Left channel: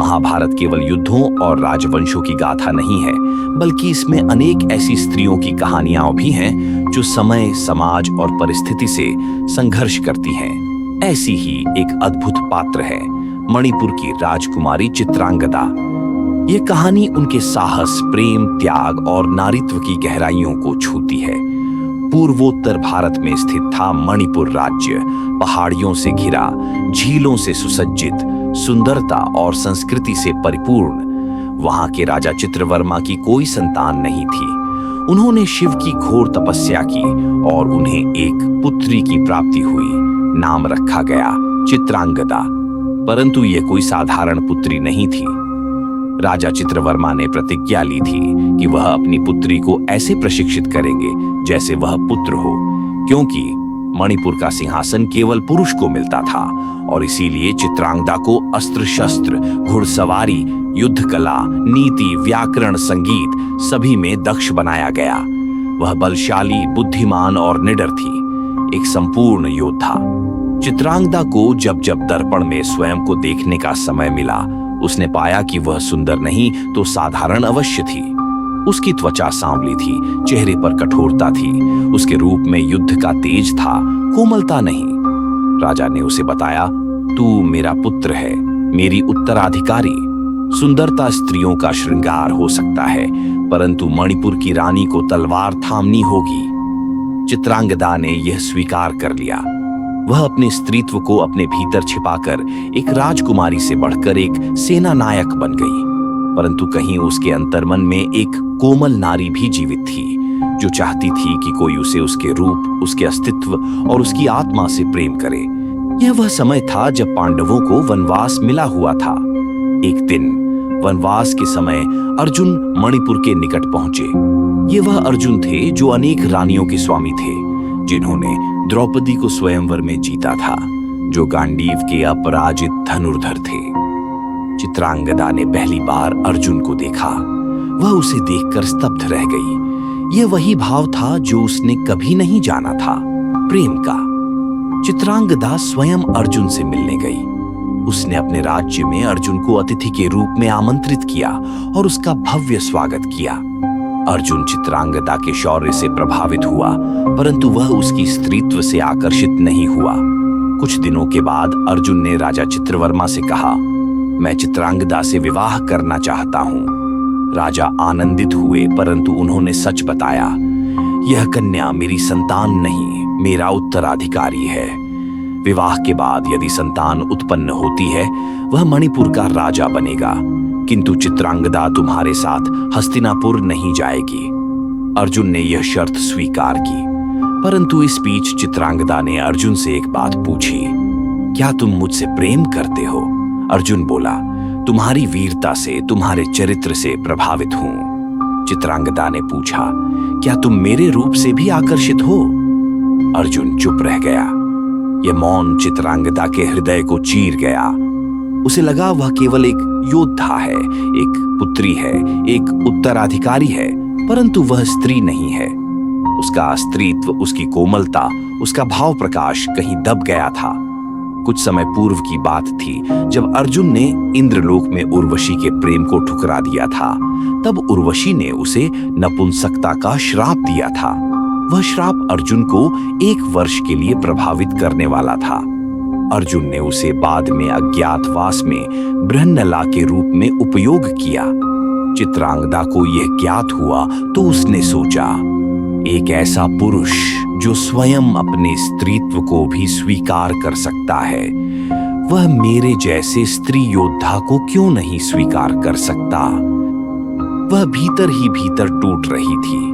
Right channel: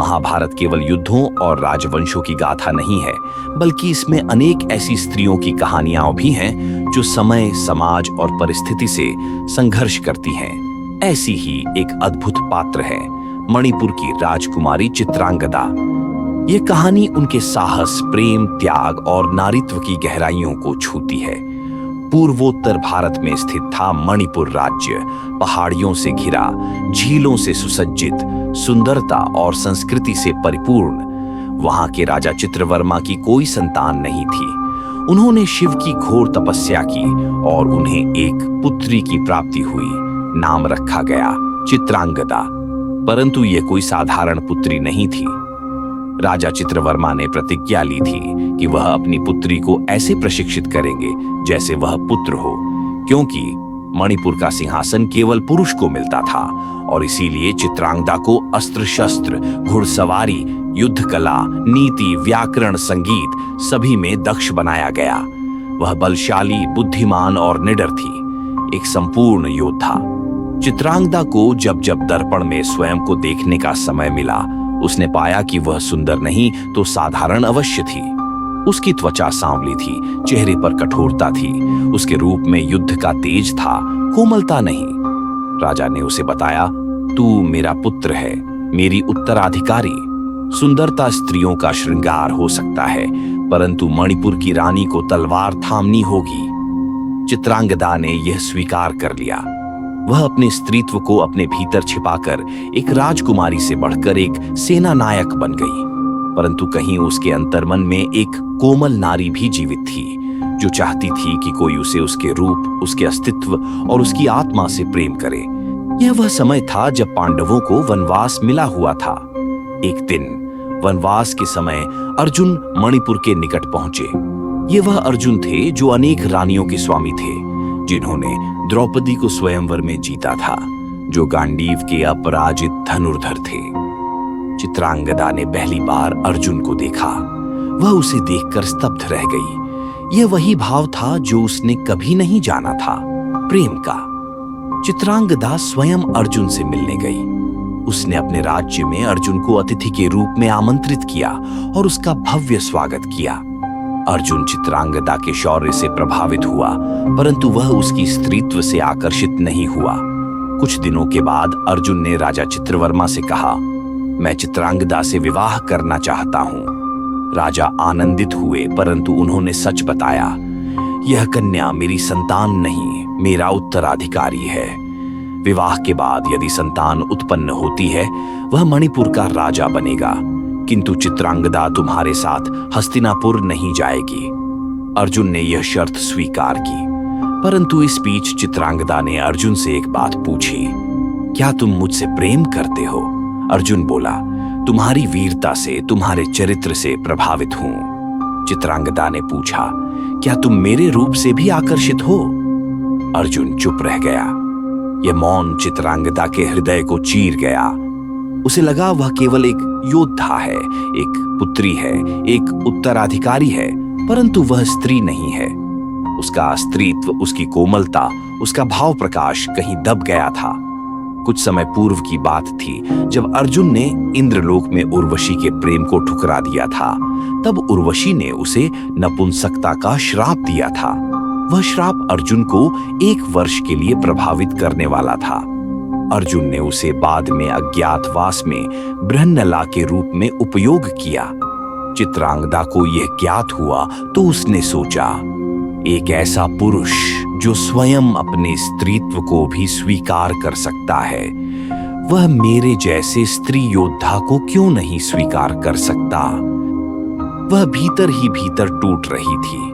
महाभारत केवल युद्धों और राजवंशों की गाथा नहीं है, बल्कि इसमें अनेक ऐसी स्त्रियों की कहानियां भी हैं जो समय, समाज और परिस्थिति से संघर्ष करती हैं। ऐसी ही एक अद्भुत पात्र है मणिपुर की राजकुमारी चित्रांगदा। ये कहानी उनके साहस, प्रेम, त्याग और नारीत्व की गहराइयों को छूती है। पूर्वोत्तर भारत में स्थित था मणिपुर राज्य। पहाड़ियों से घिरा, झीलों से सुसज्जित, सुंदरता और संस्कृति से परिपूर्ण। वहां के राजा चित्रवर्मा की कोई संतान नहीं थी। उन्होंने शिव की घोर तपस्या की और उन्हें एक पुत्री की प्राप्ति हुई। नाम रखा गया चित्रांगदा। परंतु यह कोई साधारण पुत्री नहीं थी। राजा चित्रवर्मा ने प्रतिज्ञा ली थी कि वह अपनी पुत्री को ऐसे प्रशिक्षित करेंगे जैसे वह पुत्र हो, क्योंकि मणिपुर का सिंहासन केवल पुरुष को मिलता था और इसीलिए चित्रांगदा को अस्त्र शस्त्र, घुड़सवारी, युद्ध कला, नीति, व्याकरण, संगीत सभी में दक्ष बनाया गया। वह बलशाली, बुद्धिमान और निडर थी, एक संपूर्ण योद्धा। चित्रांगदा को जब जब दर्पण में स्वयं को देखने का समय मिला, उसने पाया कि वह सुंदर नहीं तो साधारण अवश्य थी। उसकी त्वचा सांवली थी, चेहरे पर कठोरता थी, उसके रूप में युद्ध का तेज था, कोमलता नहीं। राजा ने उसे बताया, तू मेरा पुत्र है, मेरी उत्तराधिकारी। सुंदरता स्त्रियों का श्रृंगार हो सकता है, परंतु मणिपुर की रानी को तलवार थामनी होगी। चित्रांगदा ने यह स्वीकार कर लिया। वह अपने स्त्रीत्व को अपने भीतर छिपाकर एक राजकुमारी से बढ़कर एक सेना नायक बन गई। परंतु कहीं उसके अंतर्मन में एक कोमल नारी भी जीवित थी, जो चाहती थी कि कोई उसे उसके रूप, उसके अस्तित्व और उसकी आत्मा से प्रेम करे। यह वह समय था जब पांडवों को वनवास मिला हुआ था। एक दिन वनवास के समय अर्जुन मणिपुर के निकट पहुंचे। ये वह अर्जुन थे जो अनेक रानियों के स्वामी थे, जिन्होंने द्रौपदी को स्वयंवर में जीता था, जो गांडीव के अपराजित धनुर्धर थे। चित्रांगदा ने पहली बार अर्जुन को देखा। वह उसे देखकर स्तब्ध रह गई। यह वही भाव था जो उसने कभी नहीं जाना था, प्रेम का। चित्रांगदा स्वयं अर्जुन से मिलने गई। उसने अपने राज्य में अर्जुन को अतिथि के रूप में आमंत्रित किया और उसका भव्य स्वागत किया। अर्जुन चित्रांगदा के शौर्य से प्रभावित हुआ, परंतु वह उसकी स्त्रीत्व से आकर्षित नहीं हुआ। कुछ दिनों के बाद अर्जुन ने राजा चित्रवर्मा से कहा, मैं चित्रांगदा से विवाह करना चाहता हूं। राजा आनंदित हुए, परंतु उन्होंने सच बताया, यह कन्या मेरी संतान नहीं, मेरा उत्तराधिकारी है। विवाह के बाद यदि संतान उत्पन्न होती है, वह मणिपुर का राजा बनेगा, किंतु चित्रांगदा तुम्हारे साथ हस्तिनापुर नहीं जाएगी। अर्जुन ने यह शर्त स्वीकार की, परंतु इस बीच चित्रांगदा ने अर्जुन से एक बात पूछी, क्या तुम मुझसे प्रेम करते हो? अर्जुन बोला, तुम्हारी वीरता से, तुम्हारे चरित्र से प्रभावित हूं। चित्रांगदा ने पूछा, क्या तुम मेरे रूप से भी आकर्षित हो? अर्जुन चुप रह गया। यह मौन चित्रांगदा के हृदय को चीर गया। उसे लगा वह केवल एक योद्धा है, एक पुत्री है, एक उत्तराधिकारी है, परंतु वह स्त्री नहीं है। उसका स्त्रीत्व, उसकी कोमलता, उसका भाव प्रकाश कहीं दब गया था। कुछ समय पूर्व की बात थी जब अर्जुन ने इंद्रलोक में उर्वशी के प्रेम को ठुकरा दिया था। तब उर्वशी ने उसे नपुंसकता का श्राप दिया था। वह श्राप अर्जुन को 1 वर्ष के लिए प्रभावित करने वाला था। अर्जुन ने उसे बाद में अज्ञातवास में बृहन्नला के रूप में उपयोग किया। चित्रांगदा को यह ज्ञात हुआ तो उसने सोचा, एक ऐसा पुरुष जो स्वयं अपने स्त्रीत्व को भी स्वीकार कर सकता है, वह मेरे जैसे स्त्री योद्धा को क्यों नहीं स्वीकार कर सकता? वह भीतर ही भीतर टूट रही थी।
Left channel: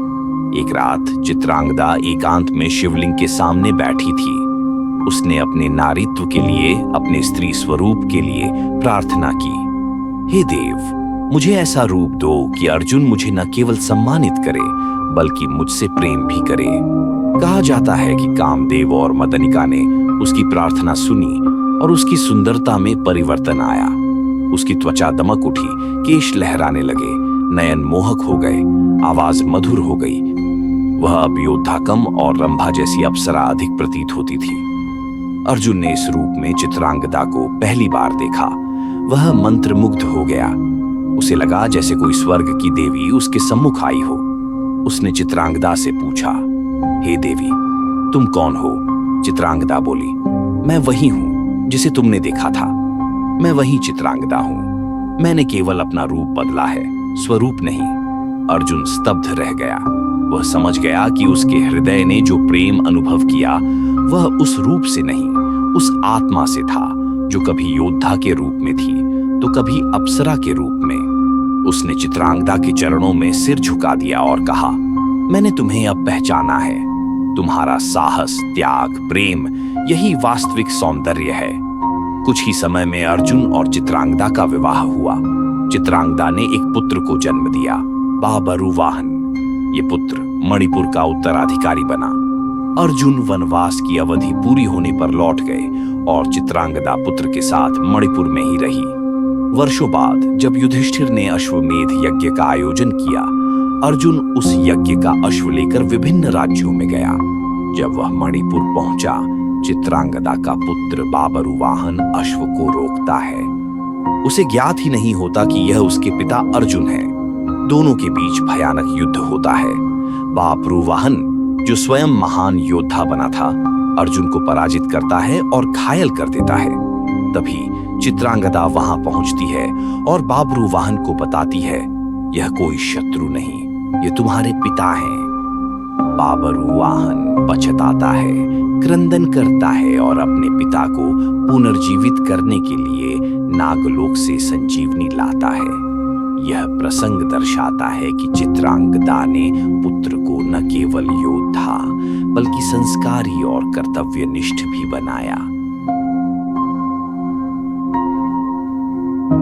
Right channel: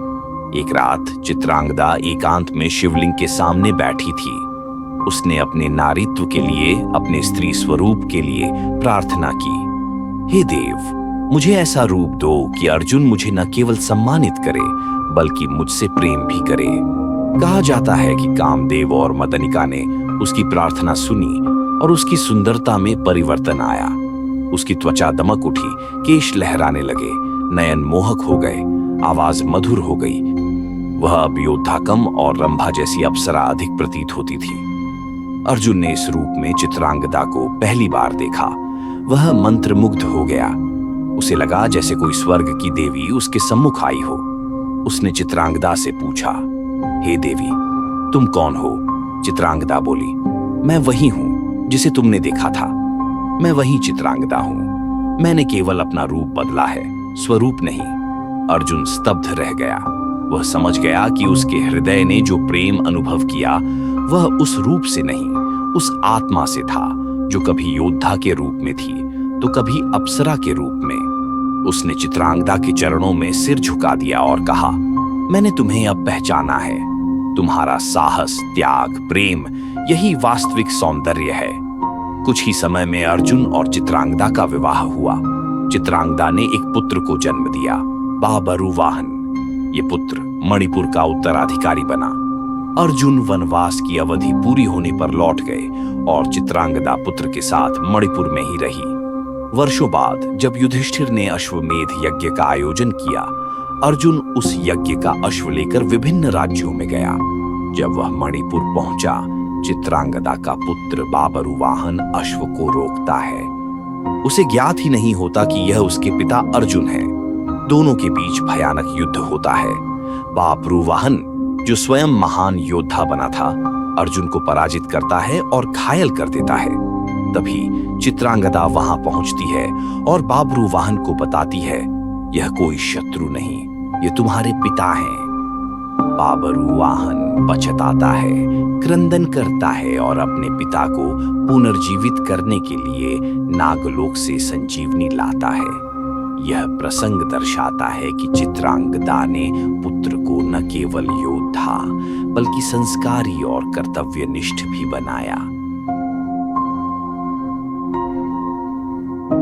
एक रात चित्रांगदा एकांत में शिवलिंग के सामने बैठी थी। उसने अपने नारीत्व के लिए, अपने स्त्री स्वरूप के लिए प्रार्थना की, हे देव, मुझे ऐसा रूप दो कि अर्जुन मुझे न केवल सम्मानित करे बल्कि मुझसे प्रेम भी करे। कहा जाता है कि कामदेव और मदनिका ने उसकी प्रार्थना सुनी और उसकी सुंदरता में परिवर्तन आया। उसकी त्वचा दमक उठी, केश लहराने लगे, नयन मोहक हो गए, आवाज मधुर हो गई। वह अब योद्धा कम और रंभा जैसी अप्सरा अधिक प्रतीत होती थी। अर्जुन ने इस रूप में चित्रांगदा को पहली बार देखा। वह मंत्रमुग्ध हो गया। उसे लगा जैसे कोई स्वर्ग की देवी उसके सम्मुख आई हो। उसने चित्रांगदा से पूछा, हे देवी, तुम कौन हो? चित्रांगदा बोली, मैं वही हूं जिसे तुमने देखा था। मैं वही चित्रांगदा हूं। मैंने केवल अपना रूप बदला है, स्वरूप नहीं। अर्जुन स्तब्ध रह गया। वह समझ गया कि उसके हृदय ने जो प्रेम अनुभव किया वह उस रूप से नहीं, उस आत्मा से था जो कभी योद्धा के रूप में थी तो कभी अप्सरा के रूप में। उसने चित्रांगदा के चरणों में सिर झुका दिया और कहा, मैंने तुम्हें अब पहचाना है। तुम्हारा साहस, त्याग, प्रेम यही वास्तविक सौंदर्य है। कुछ ही समय में अर्जुन और चित्रांगदा का विवाह हुआ। चित्रांगदा ने एक पुत्र को जन्म दिया, बाबरुवाहन। ये पुत्र मणिपुर का उत्तराधिकारी बना। अर्जुन वनवास की अवधि पूरी होने पर लौट गए और चित्रांगदा पुत्र के साथ मणिपुर में ही रही। वर्षों बाद जब युधिष्ठिर ने अश्वमेध यज्ञ का आयोजन किया, अर्जुन उस यज्ञ का अश्व लेकर विभिन्न राज्यों में गया। जब वह मणिपुर पहुंचा, चित्रांगदा का पुत्र बाबरुवाहन अश्व को रोकता है। उसे ज्ञात ही नहीं होता कि यह उसके पिता अर्जुन है। दोनों के बीच भयानक युद्ध होता है। बाबरुवाहन, जो स्वयं महान योद्धा बना था, अर्जुन को पराजित करता है और घायल कर देता है। तभी चित्रांगदा वहां पहुंचती है और बाबरुवाहन को बताती है, यह कोई शत्रु नहीं, ये तुम्हारे पिता हैं। बाबरुवाहन पछताता है, क्रंदन करता है और अपने पिता को पुनर्जीवित करने के लिए नागलोक से संजीवनी लाता है। यह प्रसंग दर्शाता है कि चित्रांगदा ने पुत्र को न केवल योद्धा बल्कि संस्कारी और कर्तव्यनिष्ठ भी बनाया।